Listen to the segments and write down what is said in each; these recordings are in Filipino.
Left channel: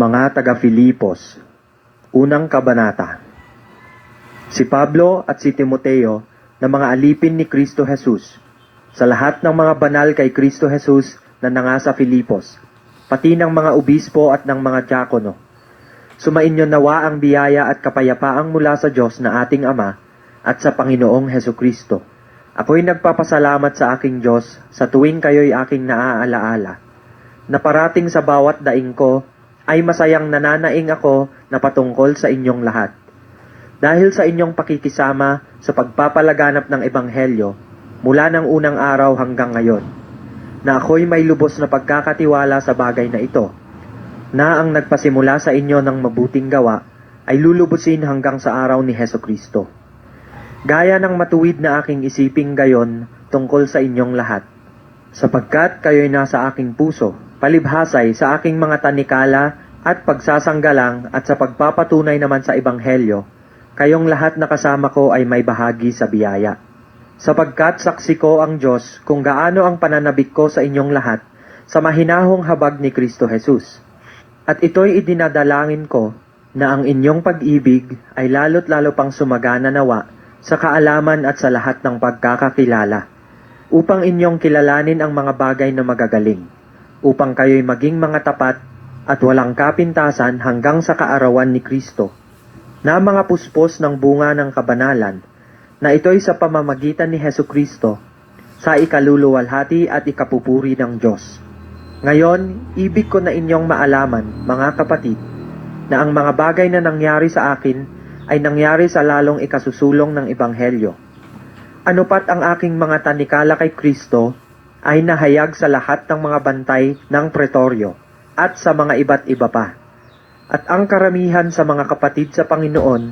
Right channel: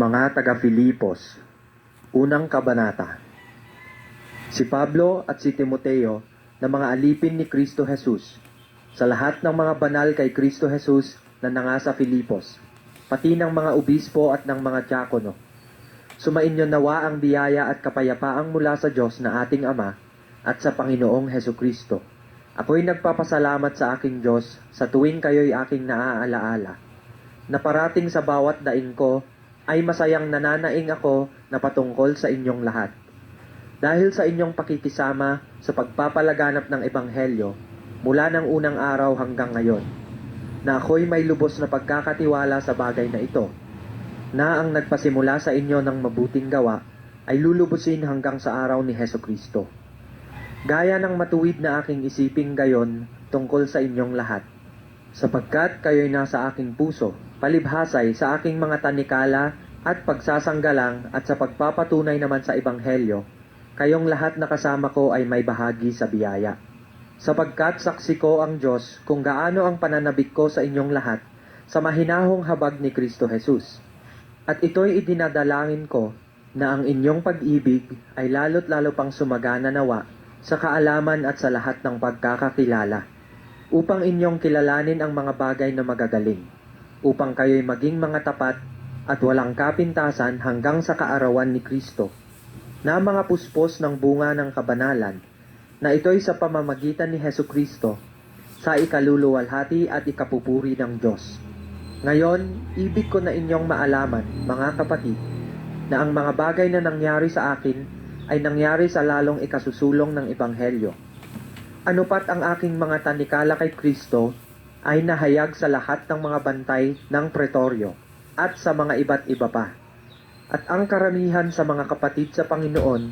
Mga taga-Filipos, unang kabanata. Si Pablo at si Timoteo na mga alipin ni Kristo Jesus, sa lahat ng mga banal kay Kristo Jesus na nangasa Filipos, pati ng mga obispo at ng mga diakono. Sumainyo nawa ang biyaya at kapayapaang mula sa Diyos na ating Ama at sa Panginoong Hesukristo. Ako'y nagpapasalamat sa aking Diyos sa tuwing kayo'y aking naaalaala, na parating sa bawat daing ko ay masayang nananaing ako na patungkol sa inyong lahat. Dahil sa inyong pakikisama sa pagpapalaganap ng Ebanghelyo mula ng unang araw hanggang ngayon, na ako'y may lubos na pagkakatiwala sa bagay na ito, na ang nagpasimula sa inyo ng mabuting gawa ay lulubusin hanggang sa araw ni Hesukristo. Gaya ng matuwid na aking isiping gayon tungkol sa inyong lahat, sapagkat kayo'y nasa aking puso, palibhasay sa aking mga tanikala at pagsasanggalang at sa pagpapatunay naman sa Ebanghelyo, kayong lahat na kasama ko ay may bahagi sa biyaya. Sapagkat saksi ko ang Diyos kung gaano ang pananabik ko sa inyong lahat sa mahinahong habag ni Kristo Jesus. At ito'y idinadalangin ko na ang inyong pag-ibig ay lalo't lalo pang sumagana nawa sa kaalaman at sa lahat ng pagkakakilala, upang inyong kilalanin ang mga bagay na magagaling, upang kayo'y maging mga tapat at walang kapintasan hanggang sa kaarawan ni Kristo, na mga puspos ng bunga ng kabanalan, na ito'y sa pamamagitan ni Hesukristo, sa ikaluluwalhati at ikapupuri ng Diyos. Ngayon, ibig ko na inyong maalaman, mga kapatid, na ang mga bagay na nangyari sa akin ay nangyari sa lalong ikasusulong ng Ebanghelyo. Ano pat ang aking mga tanikala kay Kristo ay nahayag sa lahat ng mga bantay ng pretoryo at sa mga iba't iba pa. At ang karamihan sa mga kapatid sa Panginoon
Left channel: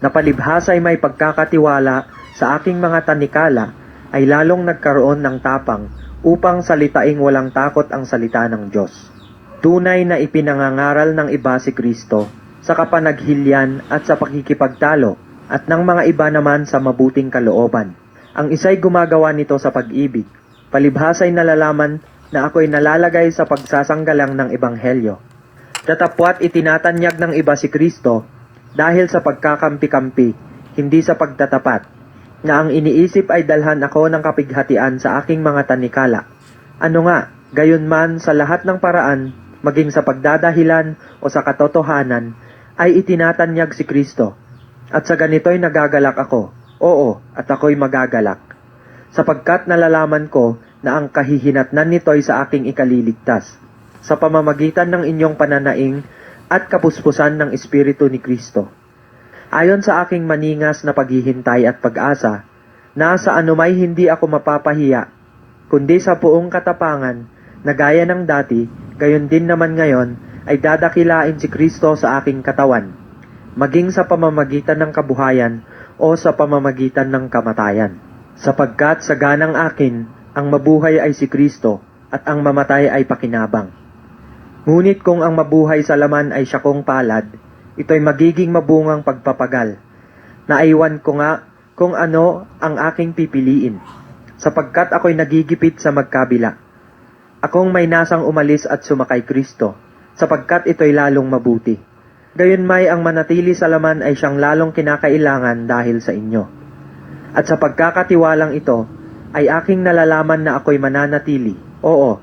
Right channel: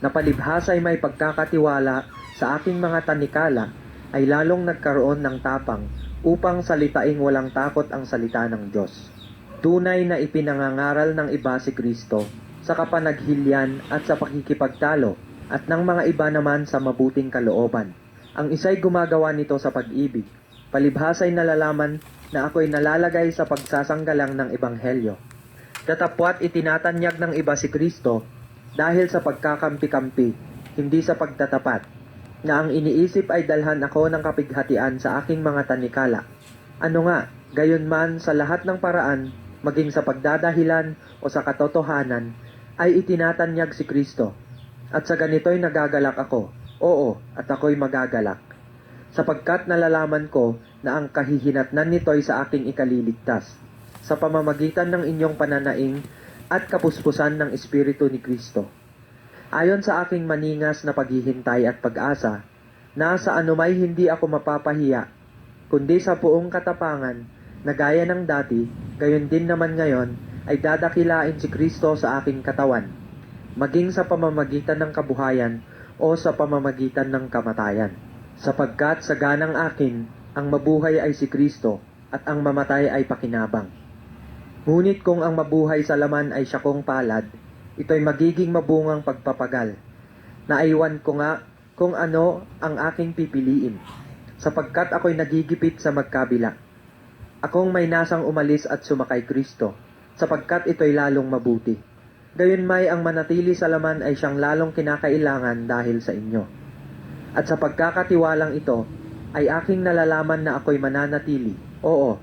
na palibhasa ay may pagkakatiwala sa aking mga tanikala ay lalong nagkaroon ng tapang upang salitaing walang takot ang salita ng Diyos. Tunay na ipinangangaral ng iba si Kristo sa kapanaghilyan at sa pakikipagtalo at ng mga iba naman sa mabuting kalooban. Ang isa'y gumagawa nito sa pag-ibig, palibhasa'y nalalaman na ako'y nalalagay sa pagsasanggalang ng Ebanghelyo. Datapwat itinatanyag ng iba si Kristo dahil sa pagkakampi-kampi, hindi sa pagtatapat, na ang iniisip ay dalhan ako ng kapighatian sa aking mga tanikala. Ano nga, gayon man sa lahat ng paraan, maging sa pagdadahilan o sa katotohanan, ay itinatanyag si Kristo. At sa ganito'y nagagalak ako, oo, at ako'y magagalak, sapagkat nalalaman ko na ang kahihinatnan nito'y sa aking ikaliligtas, sa pamamagitan ng inyong pananaing at kapuspusan ng Espiritu ni Kristo. Ayon sa aking maningas na paghihintay at pag-asa, na sa anumay hindi ako mapapahiya, kundi sa buong katapangan, na gaya ng dati, gayon din naman ngayon, ay dadakilain si Kristo sa aking katawan, maging sa pamamagitan ng kabuhayan o sa pamamagitan ng kamatayan. Sapagkat sa ganang akin, ang mabuhay ay si Kristo at ang mamatay ay pakinabang. Ngunit kung ang mabuhay sa laman ay siya kong palad, ito'y magiging mabungang pagpapagal. Naiwan ko nga kung ano ang aking pipiliin, sapagkat ako'y nagigipit sa magkabila. Akong may nasang umalis at sumakay Kristo, sapagkat ito'y lalong mabuti. Gayunmay ang manatili sa laman ay siyang lalong kinakailangan dahil sa inyo. At sa pagkakatiwalang ito, ay aking nalalaman na ako'y mananatili, oo,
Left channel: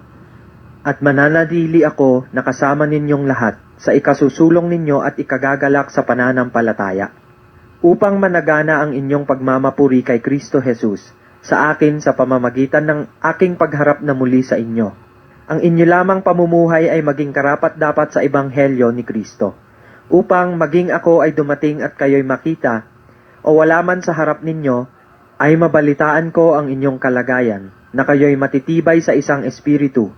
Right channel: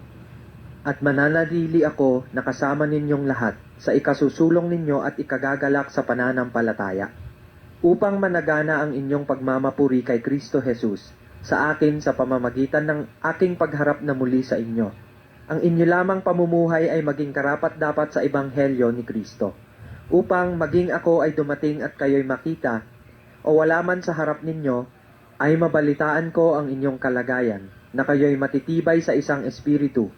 at mananatili ako na kasama ninyong lahat sa ikasusulong ninyo at ikagagalak sa pananampalataya, upang managana ang inyong pagmamapuri kay Kristo Jesus sa akin sa pamamagitan ng aking pagharap na muli sa inyo. Ang inyo lamang pamumuhay ay maging karapat-dapat sa Ebanghelyo ni Kristo, upang maging ako ay dumating at kayo'y makita, o wala man sa harap ninyo, ay mabalitaan ko ang inyong kalagayan, na kayo'y matitibay sa isang espiritu,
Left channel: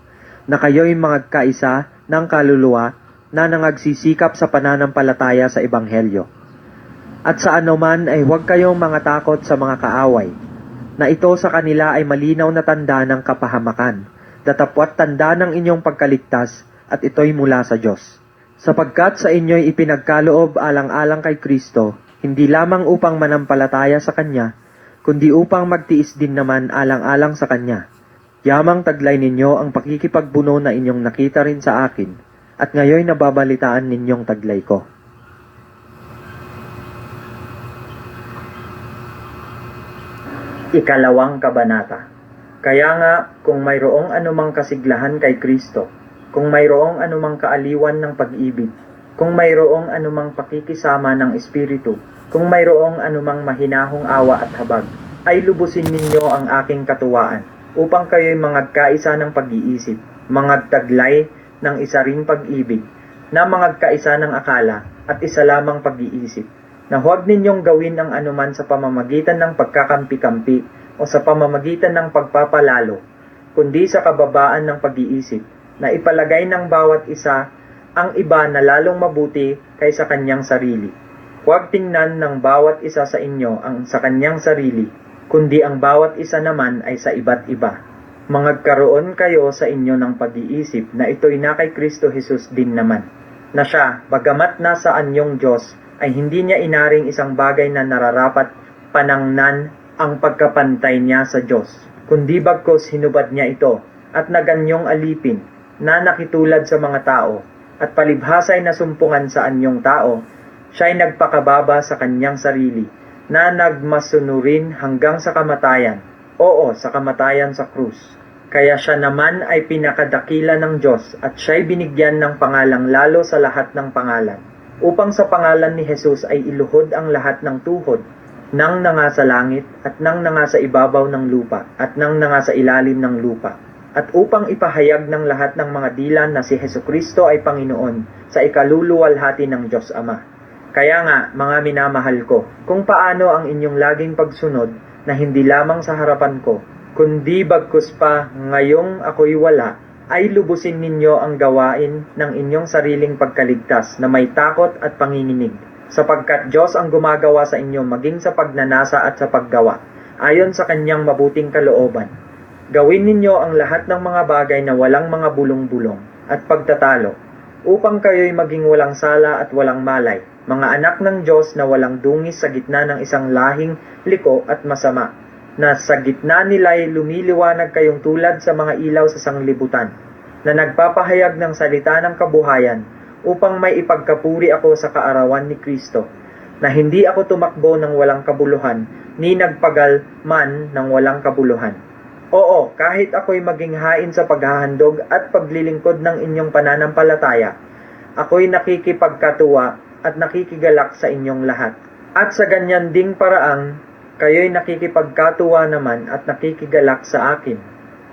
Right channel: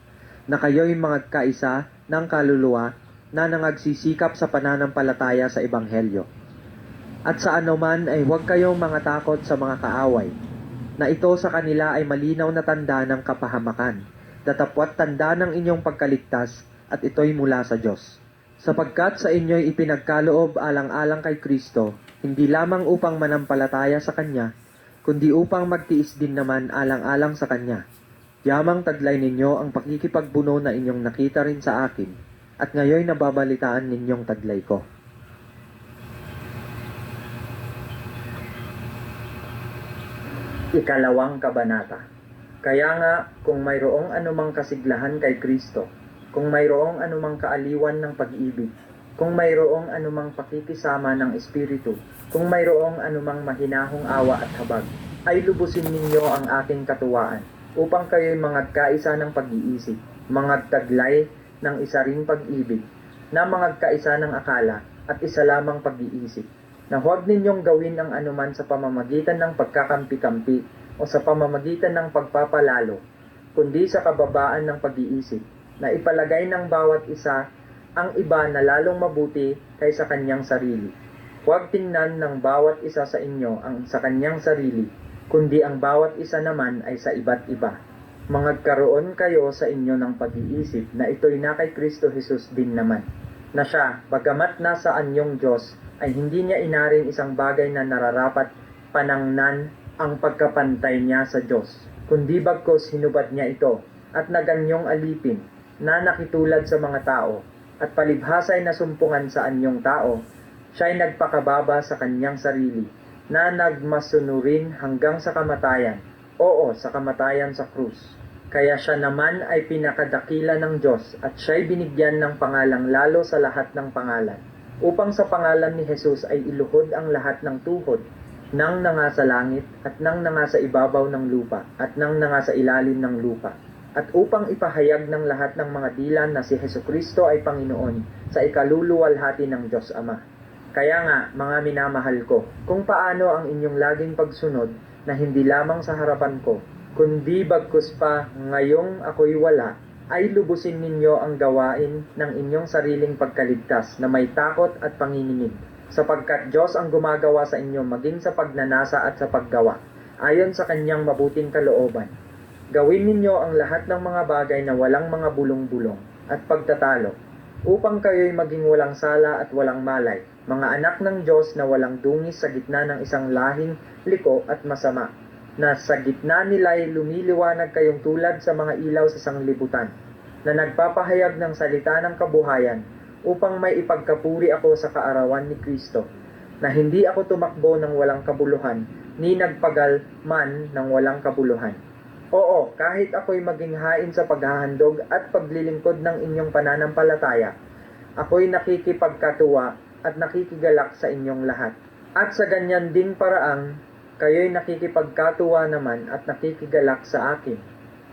na kayo'y magkaisa ng kaluluwa na nangagsisikap sa pananampalataya sa Ebanghelyo. At sa anuman ay huwag kayong mga takot sa mga kaaway, na ito sa kanila ay malinaw na tanda ng kapahamakan, datapwat tanda ng inyong pagkaligtas, at ito'y mula sa Diyos. Sapagkat sa inyo'y ipinagkaloob alang-alang kay Kristo, hindi lamang upang manampalataya sa Kanya, kundi upang magtiis din naman alang-alang sa Kanya. Yamang taglay ninyo ang pakikipagbuno na inyong nakita rin sa akin, at ngayon nababalitaan ninyong taglay ko. Ikalawang kabanata. Kaya nga, kung mayroong anumang kasiglahan kay Kristo, kung mayroong anumang kaaliwan ng pag-ibig, kung mayroong anumang pakikisama ng Espiritu, kung mayroong anumang mahinahong awa at habag, ay lubusin ninyo ang aking katuwaan, upang kayo'y mangagkaisa ng pag-iisip, mangagtaglay ng isa ring pag-ibig, na mangagkaisa ng akala at isa lamang pag-iisip, na huwag ninyong gawin ang anuman sa pamamagitan ng pagkakampi-kampi o sa pamamagitan ng pagpapalalo, kundi sa kababaan ng pag-iisip, na ipalagay ng bawat isa ang iba na lalong mabuti kaysa kanyang sarili. Huwag tingnan ng bawat isa sa inyo ang sa kanyang sarili, kundi ang bawat isa naman ay sa iba't iba. Mangagkaroon kayo sa inyo ng pag-iisip na ito'y na kay Kristo Jesus din naman, na siya, bagamat nasa anyong Diyos, ay hindi niya inaring isang bagay na nararapat panangnan ang pagkapantay niya sa Diyos, kundi bagkos hinubad niya ito at naganyong alipin na nakitulad sa mga tao at palibhasay na sumpungan sa anyong tao, siya'y nagpakababa sa kanyang sarili na nagmasunurin hanggang sa kamatayan, oo, sa kamatayan sa krus. Kaya siya naman ay pinakadakila ng Diyos at siya'y binigyan ng pangalang lalo sa lahat ng pangalan, upang sa pangalan ni Jesus ay iluhod ang lahat ng tuhod, nang nanga sa langit, at nang nanga sa ibabaw ng lupa, at nang nanga sa ilalim ng lupa, at upang ipahayag ng lahat ng mga dila na si Hesukristo ay Panginoon sa ikaluluwalhati ng Diyos Ama. Kaya nga, mga minamahal ko, kung paano ang inyong laging pagsunod na hindi lamang sa harapan ko, kundi bagkus pa ngayong ako'y wala, ay lubusin ninyo ang gawain ng inyong sariling pagkaligtas na may takot at panginginig, sapagkat Diyos ang gumagawa sa inyo maging sa pagnanasa at sa paggawa, ayon sa kanyang mabuting kalooban. Gawin ninyo ang lahat ng mga bagay na walang mga bulong-bulong at pagtatalo, upang kayo'y maging walang sala at walang malay, mga anak ng Diyos na walang dungis sa gitna ng isang lahing liko at masama, na sa gitna nila'y lumiliwanag kayong tulad sa mga ilaw sa sanglibutan, na nagpapahayag ng salita ng kabuhayan, upang may ipagkapuri ako sa kaarawan ni Kristo, na hindi ako tumakbo ng walang kabuluhan, ni nagpagal man ng walang kabuluhan. Oo, kahit ako'y maging hain sa paghahandog at paglilingkod ng inyong pananampalataya, ako'y nakikipagkatuwa at nakikigalak sa inyong lahat. At sa ganyan ding paraang, kayo'y nakikipagkatuwa naman at nakikigalak sa akin.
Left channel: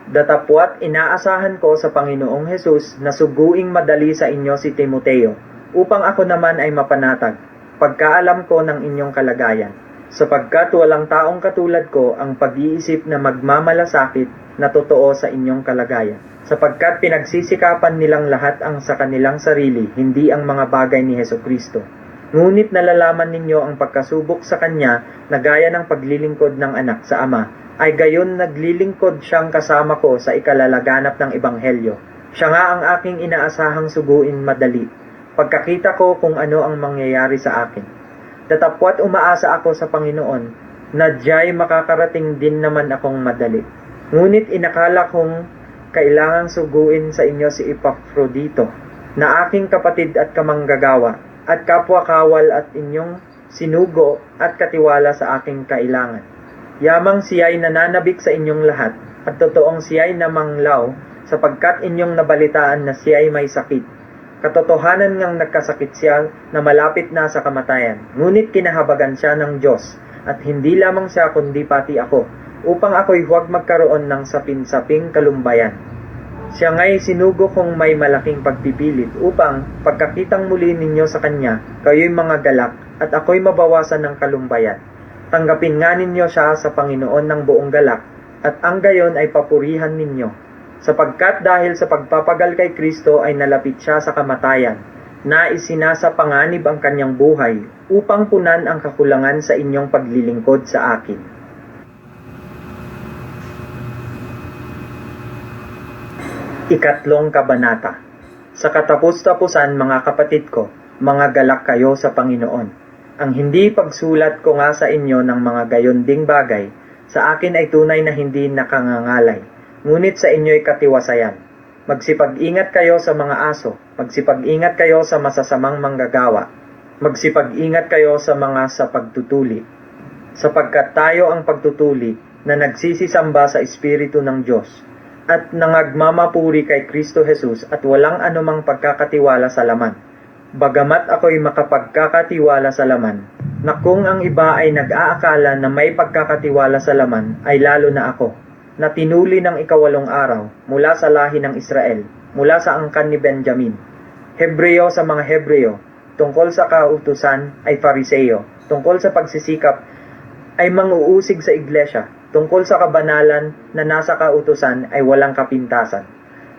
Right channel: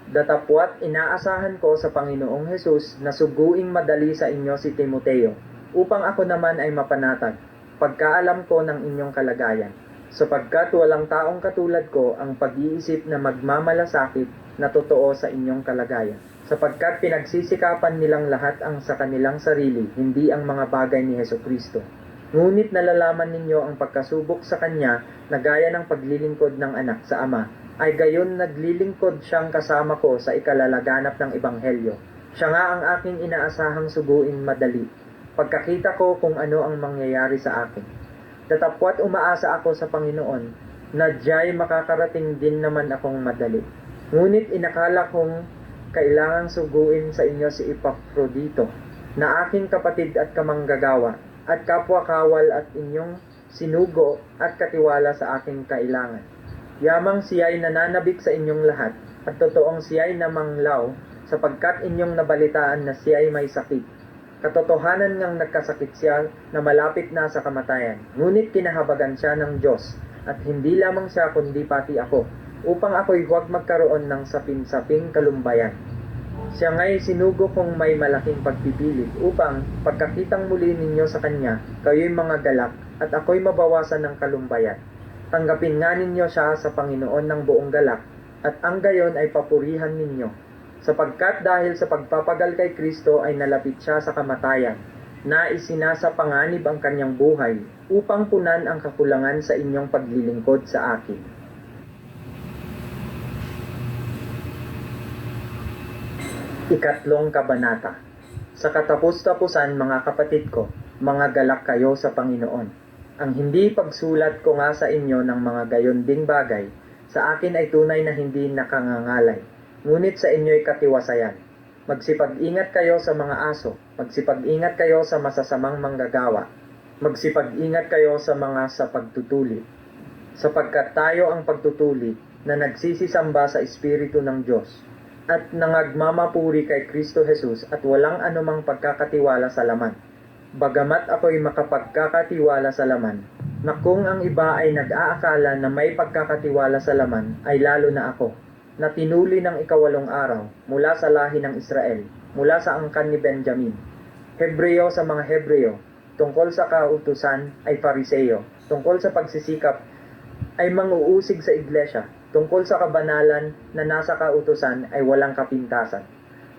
Datapwat inaasahan ko sa Panginoong Hesus na suguing madali sa inyo si Timoteo, upang ako naman ay mapanatag, pagkaalam ko ng inyong kalagayan, sapagkat walang taong katulad ko ang pag-iisip na magmamalasakit na totoo sa inyong kalagayan, sapagkat pinagsisikapan nilang lahat ang sa kanilang sarili, hindi ang mga bagay ni Hesukristo. Ngunit nalalaman ninyo ang pagkasubok sa Kanya na gaya ng paglilingkod ng anak sa Ama, ay gayon naglilingkod siyang kasama ko sa ikalalaganap ng Ebanghelyo. Siya nga ang aking inaasahang suguin madali, pagkakita ko kung ano ang mangyayari sa akin. Datapwat umaasa ako sa Panginoon, na diya'y makakarating din naman akong madali. Ngunit inakala kong kailangang suguin sa inyo si Epaprodito, na aking kapatid at kamanggagawa, at kapwa-kawal at inyong sinugo at katiwala sa aking kailangan. Yamang siya'y nananabik sa inyong lahat, at totoong siya'y namanglaw, sapagkat inyong nabalitaan na siya'y may sakit. Katotohanan ngang nagkasakit siya na malapit na sa kamatayan, ngunit kinahabagan siya ng Diyos, at hindi lamang siya kundi pati ako, upang ako'y huwag magkaroon ng sapin-saping kalumbayan. Siya nga'y sinugo kong may malaking pagpipilit upang pagkakitang muli ninyo sa Kanya, kayo'y mga galak at ako'y mabawasan ng kalumbayan. Tanggapin nga ninyo siya sa Panginoon ng buong galak at ang gayon ay papurihan ninyo, sapagkat dahil sa pagpapagal kay Kristo ay nalapit siya sa kamatayan, na isinasapanganib ang kanyang buhay upang punan ang kakulangan sa inyong paglilingkod sa akin. Ikatlong kabanata. Sa katapus-tapusan, mga kapatid ko, mga galak kayo sa Panginoon. Ang hindi pagsulat ko nga sa inyo ng mga gayon ding bagay, sa akin ay tunay na hindi nakangangalay, ngunit sa inyo'y katiwasayan. Magsipag-ingat kayo sa mga aso, magsipag-ingat kayo sa masasamang manggagawa, magsipag-ingat kayo sa mga sa pagtutuli, sapagkat tayo ang pagtutuli na nagsisisamba sa Espiritu ng Diyos at nangagmamapuri kay Kristo Jesus at walang anumang pagkakatiwala sa laman. Bagamat ako'y makapagkakatiwala sa laman, na kung ang iba ay nag-aakala na may pagkakatiwala sa laman, ay lalo na ako, na tinuli ng ikawalong araw mula sa lahi ng Israel, mula sa angkan ni Benjamin. Hebreo sa mga Hebreo, tungkol sa kautusan ay Fariseo, tungkol sa pagsisikap ay manguusig sa iglesia, tungkol sa kabanalan na nasa kautusan ay walang kapintasan.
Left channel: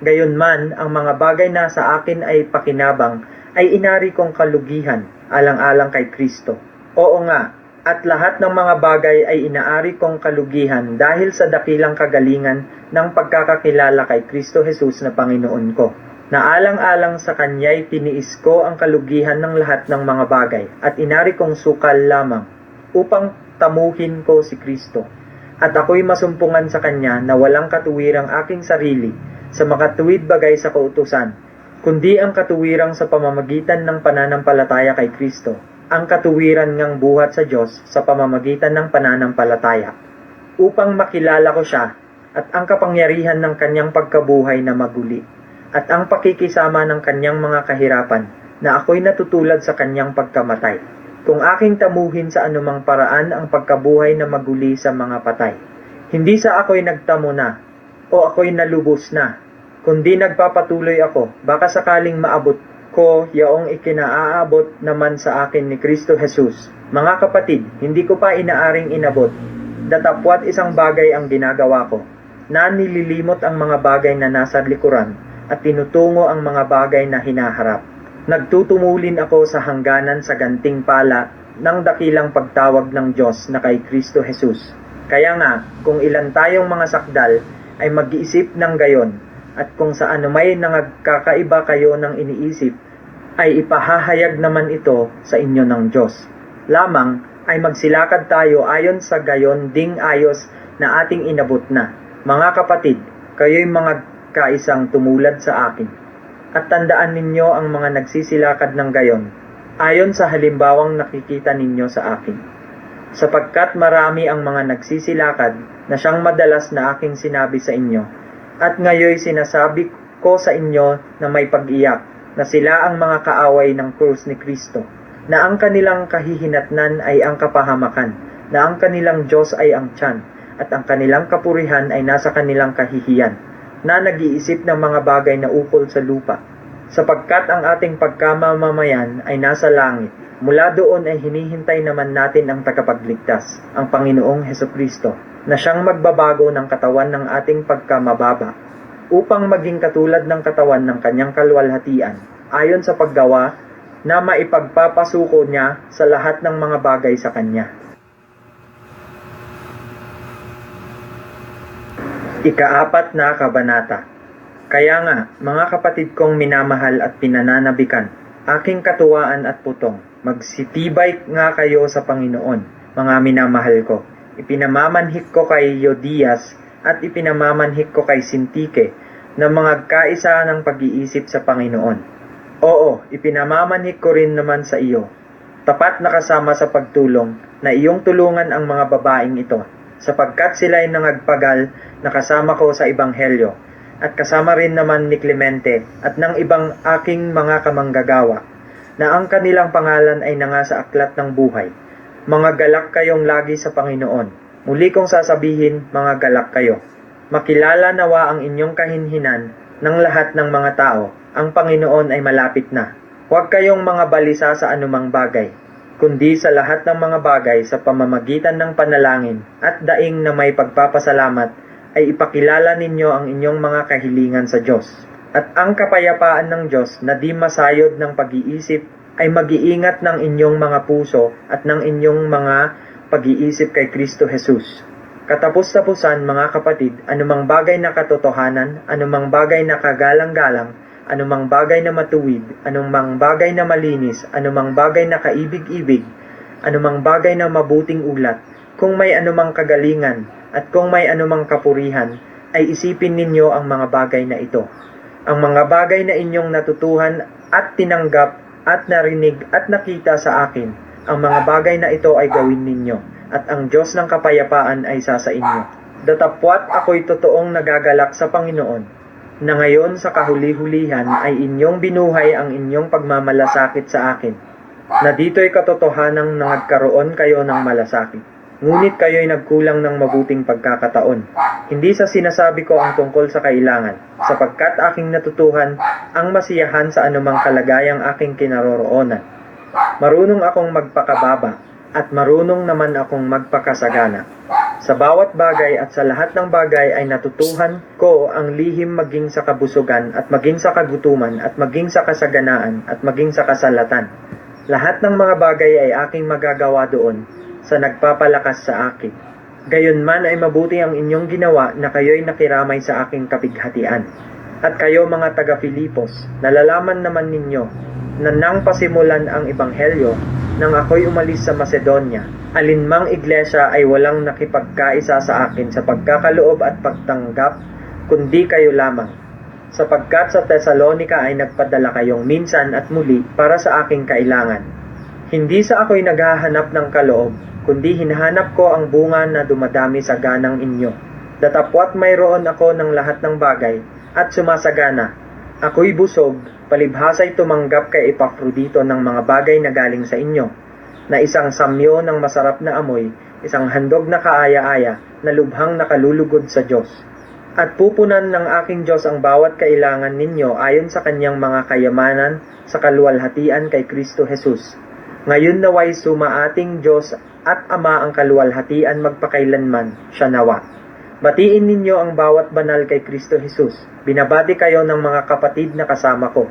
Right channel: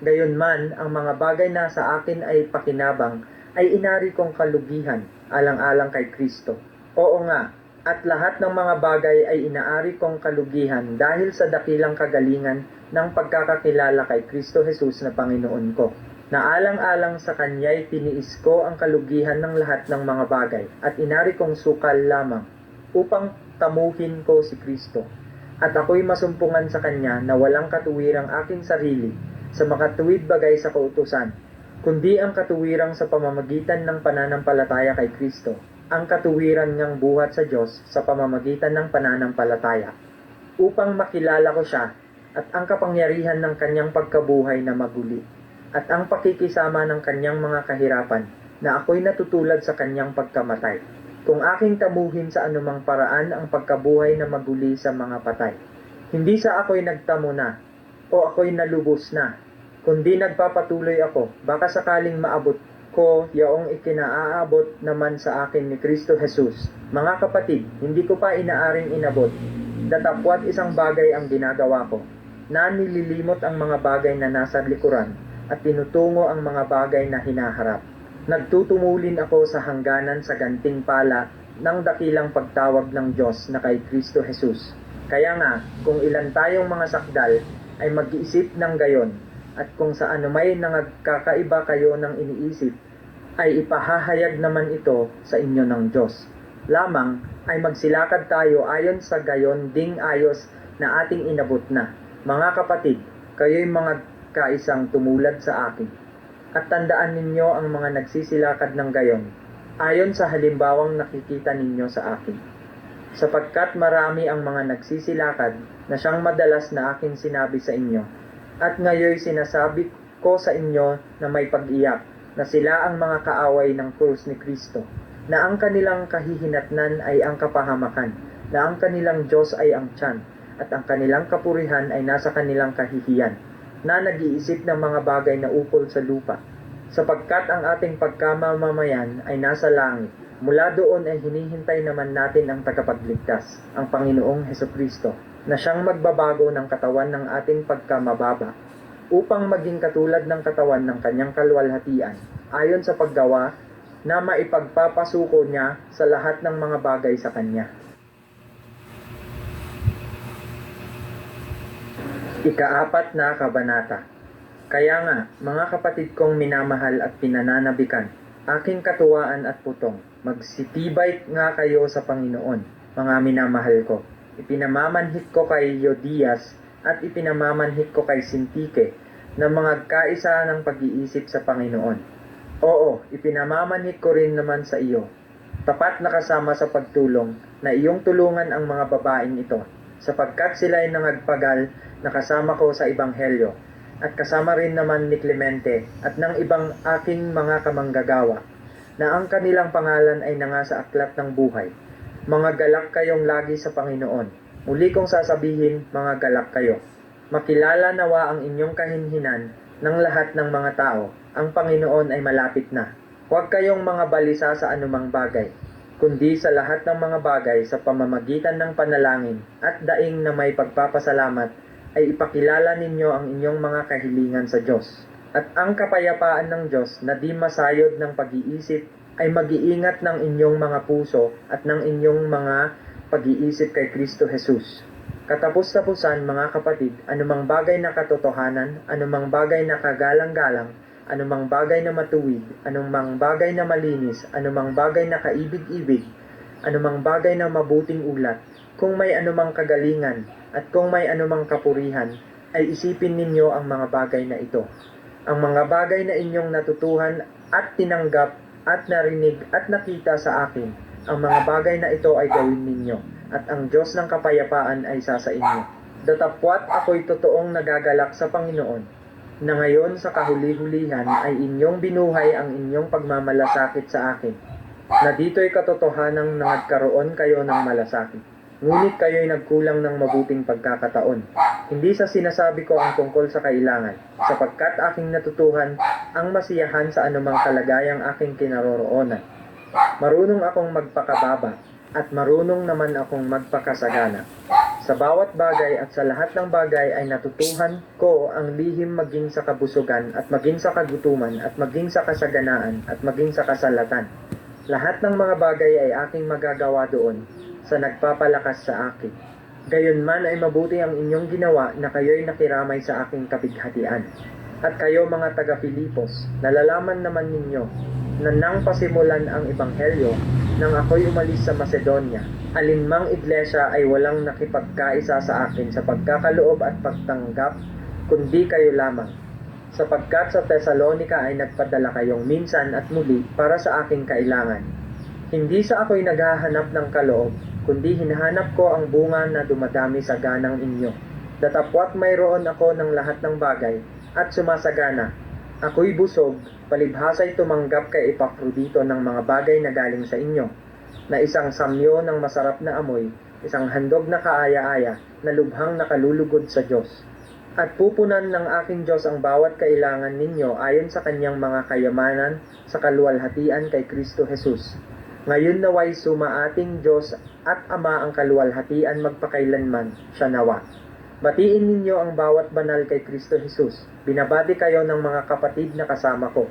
Gayunman, ang mga bagay na sa akin ay pakinabang ay inari kong kalugihan alang-alang kay Kristo. Oo nga, at lahat ng mga bagay ay inaari kong kalugihan dahil sa dakilang kagalingan ng pagkakakilala kay Kristo Jesus na Panginoon ko. Naalang-alang sa Kanya'y tiniis ko ang kalugihan ng lahat ng mga bagay at inari kong sukal lamang upang tamuhin ko si Kristo. At ako'y masumpungan sa Kanya na walang katuwirang aking sarili sa makatuwid bagay sa kautusan, kundi ang katuwirang sa pamamagitan ng pananampalataya kay Kristo, ang katuwiran ngang buhat sa Diyos sa pamamagitan ng pananampalataya, upang makilala ko siya at ang kapangyarihan ng kanyang pagkabuhay na maguli, at ang pakikisama ng kanyang mga kahirapan na ako'y natutulad sa kanyang pagkamatay, kung aking tamuhin sa anumang paraan ang pagkabuhay na maguli sa mga patay. Hindi sa ako'y nagtamo na, o ako'y nalubos na, kundi nagpapatuloy ako, baka sakaling maabot ko yaong ikinaaabot naman sa akin ni Kristo Jesus. Mga kapatid, hindi ko pa inaaring inabot. Datapwat isang bagay ang ginagawa ko, na nililimot ang mga bagay na nasa likuran at tinutungo ang mga bagay na hinaharap. Nagtutumulin ako sa hangganan sa ganting pala ng dakilang pagtawag ng Diyos na kay Kristo Jesus. Kaya nga, kung ilan tayong mga sakdal ay mag-iisip ng gayon, at kung sa anumay nangagkakaiba kayo ng iniisip, ay ipahahayag naman ito sa inyo ng Diyos. Lamang ay magsilakad tayo ayon sa gayon ding ayos na ating inabot na. Mga kapatid, kayo'y mga kaisang tumulad sa akin. At tandaan ninyo ang mga nagsisilakad ng gayon, ayon sa halimbawang nakikita ninyo sa akin. Sapagkat marami ang mga nagsisilakad na siyang madalas na aking sinabi sa inyo, at ngayoy sinasabi ko sa inyo na may pag-iyak, na sila ang mga kaaway ng krus ni Kristo, na ang kanilang kahihinatnan ay ang kapahamakan, na ang kanilang Diyos ay ang tiyan, at ang kanilang kapurihan ay nasa kanilang kahihiyan, na nag-iisip ng mga bagay na ukol sa lupa, sapagkat ang ating pagkamamamayan ay nasa langit. Mula doon ay hinihintay naman natin ang tagapagligtas, ang Panginoong Hesukristo, na siyang magbabago ng katawan ng ating pagkamababa, upang maging katulad ng katawan ng kanyang kalwalhatian, ayon sa paggawa na maipagpapasuko niya sa lahat ng mga bagay sa kanya. Ika-4 na kabanata. Kaya nga, mga kapatid kong minamahal at pinananabikan, aking katuwaan at putong, magsitibay nga kayo sa Panginoon, mga minamahal ko. Ipinamamanhik ko kay Yodias at ipinamamanhik ko kay Sintike na mga kaisa ng pag-iisip sa Panginoon. Oo, ipinamamanhik ko rin naman sa iyo, tapat na kasama sa pagtulong, na iyong tulungan ang mga babaeng ito, sapagkat sila ay nangagpagal na kasama ko sa Ebanghelyo, at kasama rin naman ni Clemente at ng ibang aking mga kamanggagawa, na ang kanilang pangalan ay nanga sa aklat ng buhay. Mga galak kayong lagi sa Panginoon. Muli kong sasabihin, mga galak kayo. Makilala nawa ang inyong kahinhinan ng lahat ng mga tao. Ang Panginoon ay malapit na. Huwag kayong mga balisa sa anumang bagay, kundi sa lahat ng mga bagay sa pamamagitan ng panalangin at daing na may pagpapasalamat ay ipakilala ninyo ang inyong mga kahilingan sa Diyos. At ang kapayapaan ng Diyos na di masayod ng pag-iisip ay mag-iingat ng inyong mga puso at ng inyong mga pag-iisip kay Kristo Jesus. Katapos-tapusan, mga kapatid, anumang bagay na katotohanan, anumang bagay na kagalang-galang, anumang bagay na matuwid, anumang bagay na malinis, anumang bagay na kaibig-ibig, anumang bagay na mabuting ulat, kung may anumang kagalingan, at kung may anumang kapurihan, ay isipin ninyo ang mga bagay na ito. Ang mga bagay na inyong natutuhan at tinanggap at narinig at nakita sa akin, ang mga bagay na ito ay gawin ninyo, at ang Diyos ng kapayapaan ay sa inyo. Datapwat ako'y totoong nagagalak sa Panginoon, na ngayon sa kahuli-hulihan ay inyong binuhay ang inyong pagmamalasakit sa akin, na dito'y katotohanang nagkaroon kayo ng malasakit. Ngunit kayo'y nagkulang ng mabuting pagkakataon. Hindi sa sinasabi ko ang tungkol sa kailangan, sapagkat aking natutuhan ang masiyahan sa anumang kalagayang aking kinaroroonan. Marunong akong magpakababa, at marunong naman akong magpakasagana. Sa bawat bagay at sa lahat ng bagay ay natutuhan ko ang lihim maging sa kabusugan at maging sa kagutuman at maging sa kasaganaan at maging sa kasalatan. Lahat ng mga bagay ay aking magagawa doon sa nagpapalakas sa akin. Gayunman ay mabuti ang inyong ginawa na kayo'y nakiramay sa aking kapighatian. At kayo mga taga-Filipos, nalalaman naman ninyo na nang pasimulan ang ebanghelyo, nang ako'y umalis sa Macedonia, alinmang iglesia ay walang nakipagkaisa sa akin sa pagkakaloob at pagtanggap, kundi kayo lamang. Sapagkat sa Thessalonica ay nagpadala kayong minsan at muli para sa aking kailangan. Hindi sa ako'y naghahanap ng kaloob, kundi hinahanap ko ang bunga na dumadami sa ganang inyo. Datapwat mayroon ako ng lahat ng bagay at sumasagana. Ako'y busog, palibhasa'y tumanggap kay Epaprodito ng mga bagay na galing sa inyo, na isang samyo ng masarap na amoy, isang handog na kaaya-aya, na lubhang nakalulugod sa Diyos. At pupunan ng aking Diyos ang bawat kailangan ninyo ayon sa kanyang mga kayamanan sa kaluwalhatian kay Kristo Jesus. Ngayon naway sumaating Diyos at Ama ang kaluwalhatian magpakailanman, siya nawa. Batiin ninyo ang bawat banal kay Kristo Jesus. Binabati kayo ng mga kapatid na kasama ko.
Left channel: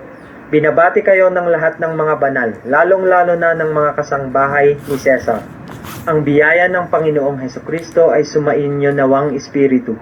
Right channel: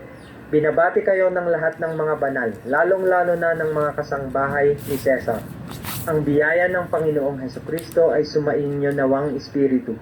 Binabati kayo ng lahat ng mga banal, lalong-lalo na ng mga kasangbahay ni Cesar. Ang biyaya ng Panginoong Hesukristo ay sumainyo nawang Espiritu.